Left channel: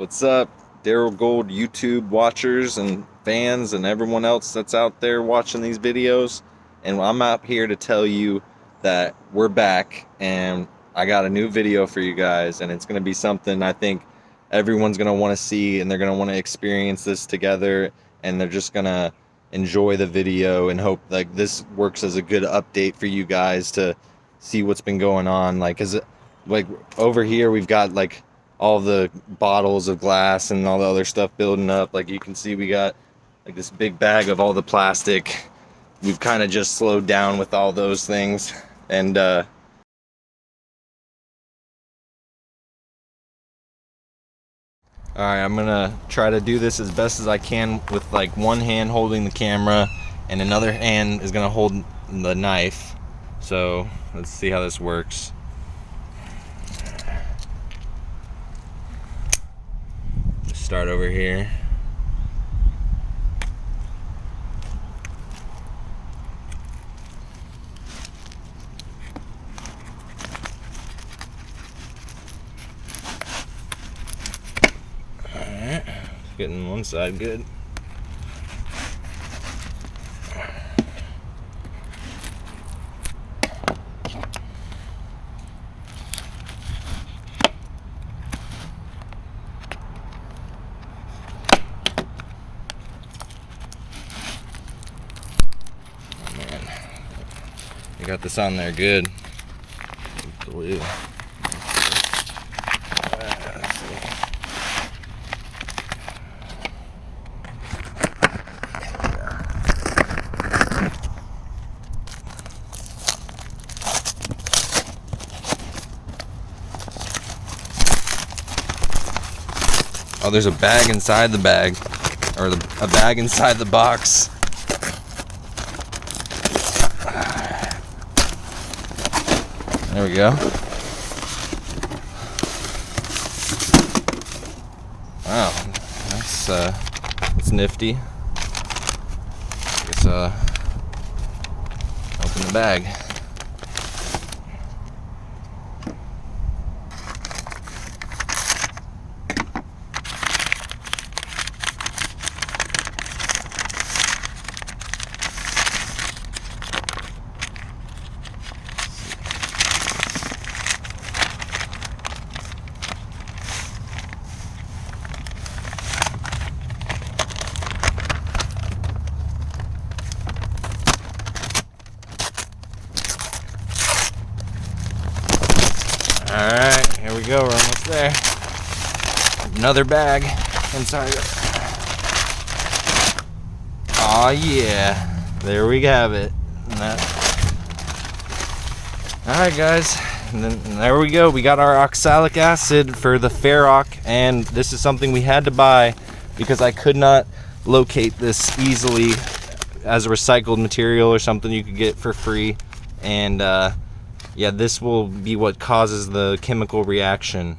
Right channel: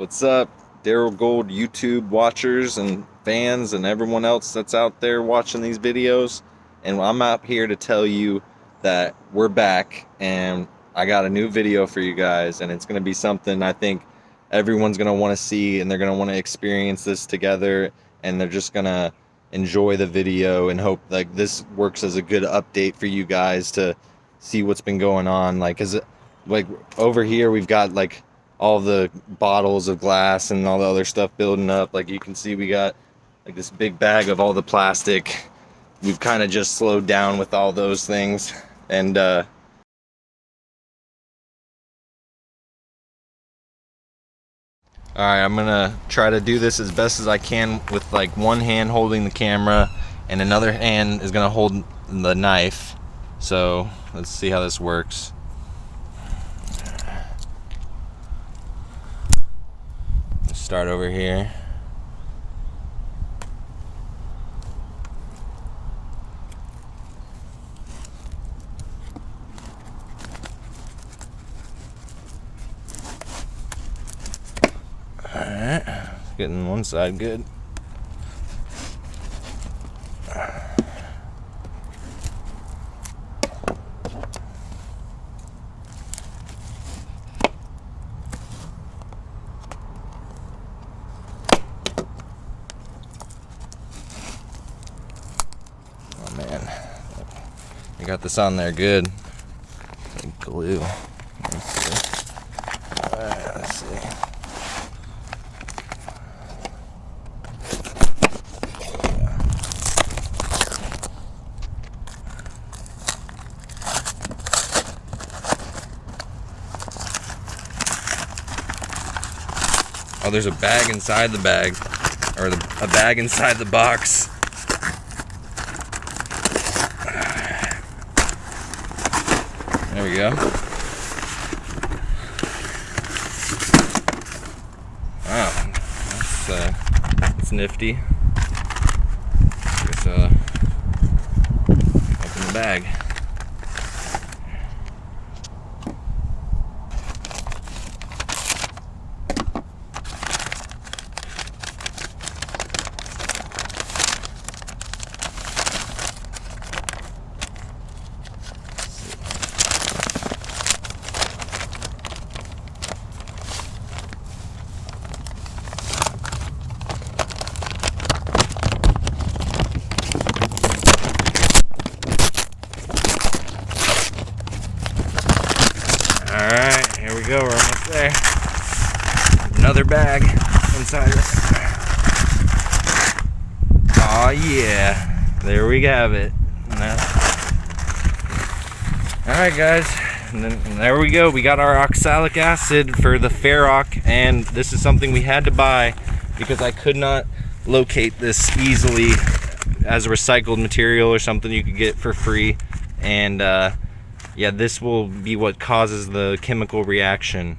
What's up, DeroGold YouTube watchers and fans and everyone else that's out there watching these videos? And I'm out here to tell you that we're back and I got a new video for you guys, and it's going to be something I think everyone's going to want to see, and they're going to want to experience this together, and they're just going to enjoy the video and hope like this works as a good update for you guys to see what's been going on. Like over here we've got like all the bottles of glass and all the other stuff building up. Like you can see, we got like this big bag of all the plastic. We've kind of just slowed down with all those things, and all right, I'm gonna try to do this as best as I can with like one hand holding the camera and another hand is gonna hold the knife. So let's see how this works. Start over here. Alright, getting one side good. I got this on there good. Glue. Let's see. Oh, there's a bag inside the bag, or a bag inside the box. There we go. Wow, that's nifty. Let's open the bag. Alright, here we go, we're almost there. Another bag inside it. Aw, yeah. There we have it. Alright guys, and there we go. We got our oxalic acid for the Ferroc, and this is something we had to buy because I could not locate this easily as a recycled material or something you could get for free. And yeah, this will be what causes the chemical reaction.